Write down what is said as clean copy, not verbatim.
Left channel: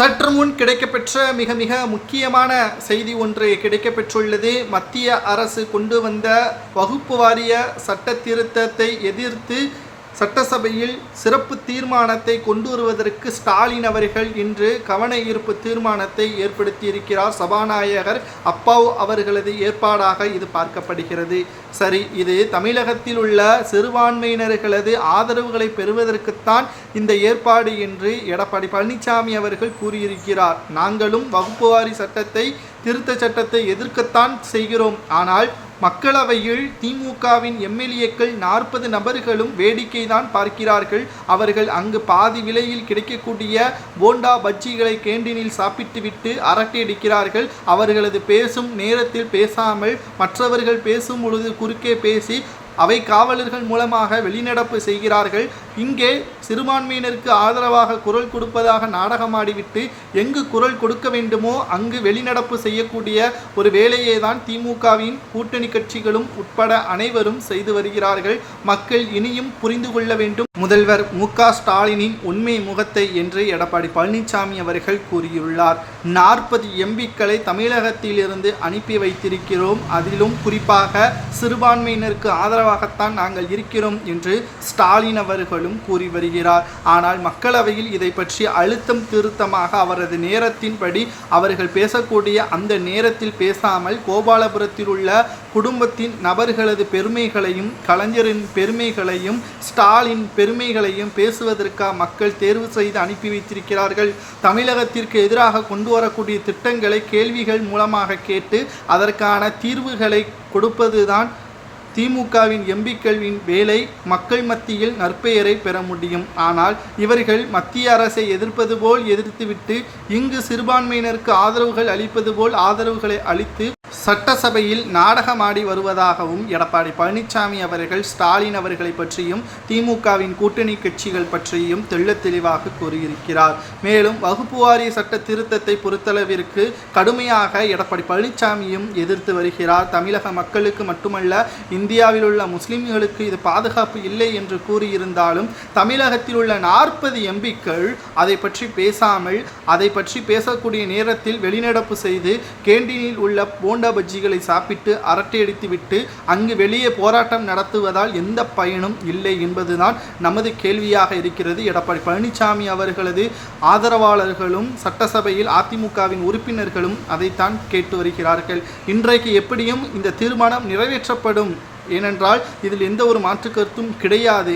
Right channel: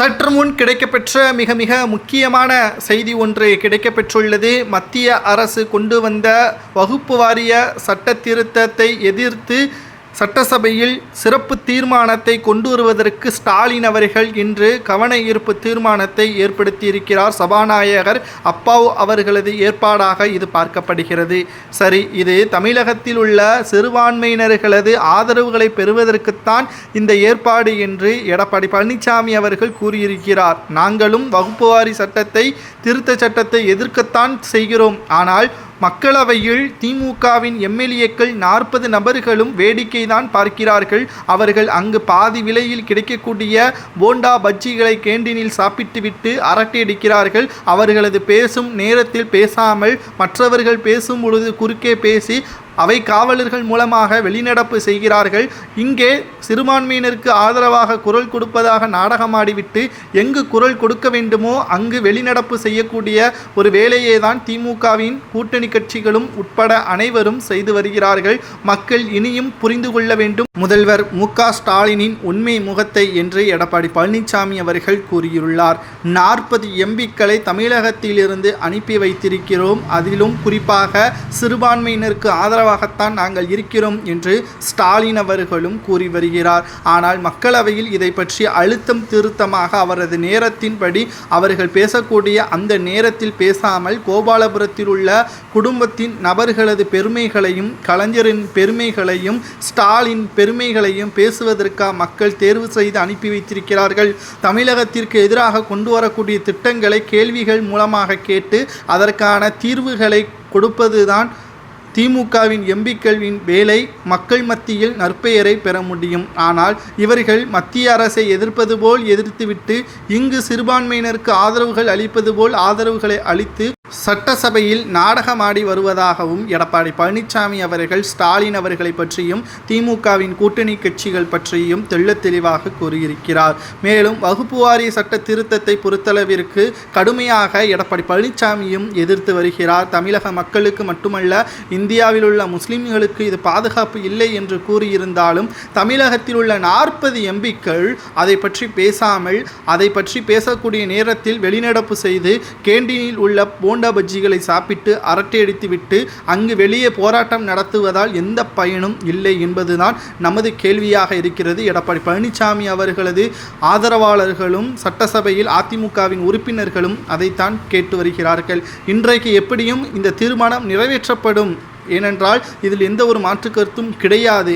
சற்று முன் கிடைக்கப்பெற்ற மிக மிக முக்கியமான செய்தி ஒன்று கிடைக்கப்பெற்றுள்ளது. மத்திய அரசு கொண்டு வந்த வகுப்பு வாரிய சட்ட திருத்தத்தை எதிர்த்து சட்டசபையில் சிறப்பு தீர்மானத்தை கொண்டு வருவதற்கு ஸ்டாலின் அவர்கள் இன்று கவன ஈர்ப்பு தீர்மானத்தை ஏற்படுத்தியிருக்கிறார். சபாநாயகர் அப்பாவு அவர்களது ஏற்பாடாக இது பார்க்கப்படுகிறது. சரி, இது தமிழகத்தில் உள்ள சிறுபான்மையினர்களது ஆதரவுகளை பெறுவதற்குத்தான் இந்த ஏற்பாடு என்று எடப்பாடி பழனிசாமி அவர்கள் கூறியிருக்கிறார். நாங்களும் வகுப்புவாரி சட்டத்தை திருத்த சட்டத்தை எதிர்க்கத்தான் செய்கிறோம். ஆனால் மக்களவையில் திமுகவின் எம்எல்ஏக்கள் 40 நபர்களும் வேடிக்கை தான் பார்க்கிறார்கள். அவர்கள் அங்கு பாதி விலையில் கிடைக்கக்கூடிய போண்டா பஜ்ஜிகளை கேண்டீனில் சாப்பிட்டுவிட்டு அரட்டையடிக்கிறார்கள். அவர்களது பேசும் நேரத்தில் பேசாமல் மற்றவர்கள் பேசும் பொழுது குறுக்கே பேசி அவை காவலர்கள் மூலமாக வெளிநடப்பு செய்கிறார்கள். இங்கே சிறுபான்மையினருக்கு ஆதரவாக குரல் கொடுப்பதாக நாடகமாடிவிட்டு எங்கு குரல் கொடுக்க வேண்டுமோ அங்கு வெளிநடப்பு செய்யக்கூடிய ஒரு வேலையை தான் திமுகவின் கூட்டணி கட்சிகளும் உட்பட அனைவரும் செய்து வருகிறார்கள். மக்கள் இனியும் புரிந்து கொள்ள வேண்டும். முதல்வர் மு.க. ஸ்டாலினின் உண்மை முகத்தை என்று எடப்பாடி பழனிசாமி அவர்கள் கூறியுள்ளார். 40 எம்பிக்களை தமிழகத்திலிருந்து அனுப்பி வைத்திருக்கிறோம். அதிலும் குறிப்பாக சிறுபான்மையினருக்கு ஆதரவாகத்தான் நாங்கள் இருக்கிறோம் என்று ஸ்டாலின் அவர்களும் கூறி வருகிறார். ஆனால் மக்களவையில் இதை பற்றி அழுத்தம் திருத்தமாக அவரது நேரத்தின்படி அவர்கள் பேசக்கூடிய அந்த நேரத்தில் பேசாமல் கோபாலபுரத்தில் உள்ள குடும்பத்தின் நபர்களது பெருமைகளையும் கலைஞரின் பெருமைகளையும் ஸ்டாலின் பெருமைகளையும் பேசுவதற்காக மக்கள் தேர்வு செய்து அனுப்பி வைத்திருக்கிறார்கள். தமிழகத்திற்கு எதிராக கொண்டு வரக்கூடிய திட்டங்களை கேள்விகள் மூலமாக கேட்டு அதற்கான தீர்வுகளை கொடுப்பதுதான் திமுகவின் எம்பிக்களின் வேலை. மக்கள் மத்தியில் நற்பெயரை பெற முடியும். ஆனால் இவர்கள் மத்திய அரசை எதிர்ப்பது போல் எதிர்த்துவிட்டு இங்கு சிறுபான்மையினருக்கு ஆதரவுகள் அளிப்பது போல் ஆதரவுகளை அளித்து சட்டசபையில் நாடகமாடி வருவதாகவும் எடப்பாடி பழனிசாமி அவர்கள் ஸ்டாலின் அவர்களை பற்றியும் திமுகவின் கூட்டணி கட்சிகள் பற்றியும் தெள்ளத் தெளிவாக கூறியிருக்கிறார். மேலும் வகுப்பு வாரிய சட்ட திருத்தத்தை பொறுத்தளவிற்கு கடுமையாக எடப்பாடி பழனிசாமியும் எதிர்த்து வருகிறார். தமிழக மக்களுக்கு மட்டுமல்ல, இந்தியாவில் உள்ள முஸ்லிம்களுக்கு இது பாதுகாப்பு இல்லை என்று கூறியிருந்தாலும் தமிழகத்தில் உள்ள 40 எம்பிக்கள் அதை பற்றி பேசாமல் அதை பற்றி பேசக்கூடிய நேரத்தில் வெளிநடப்பு செய்து கேண்டீனில் உள்ள போண்டா பஜ்ஜிகளை சாப்பிட்டு அரட்டையடித்துவிட்டு அங்கு வெளியே போராட்டம் நடத்துவதால் எந்த பயனும் இல்லை என்பதுதான் நமது கேள்வியாக இருக்கிறது. எடப்பாடி பழனிசாமி அவர்களது ஆதரவாளர்களும் சட்டசபையில் அதிமுகவின் உறுப்பினர்களும் அதைத்தான் கேட்டு வருகிறார்கள். இன்றைக்கு எப்படியும் இந்த தீர்மானம் நிறைவேற்றப்படும். ஏனென்றால் இதில் எந்த ஒரு மாற்று கருத்தும் கிடையாது.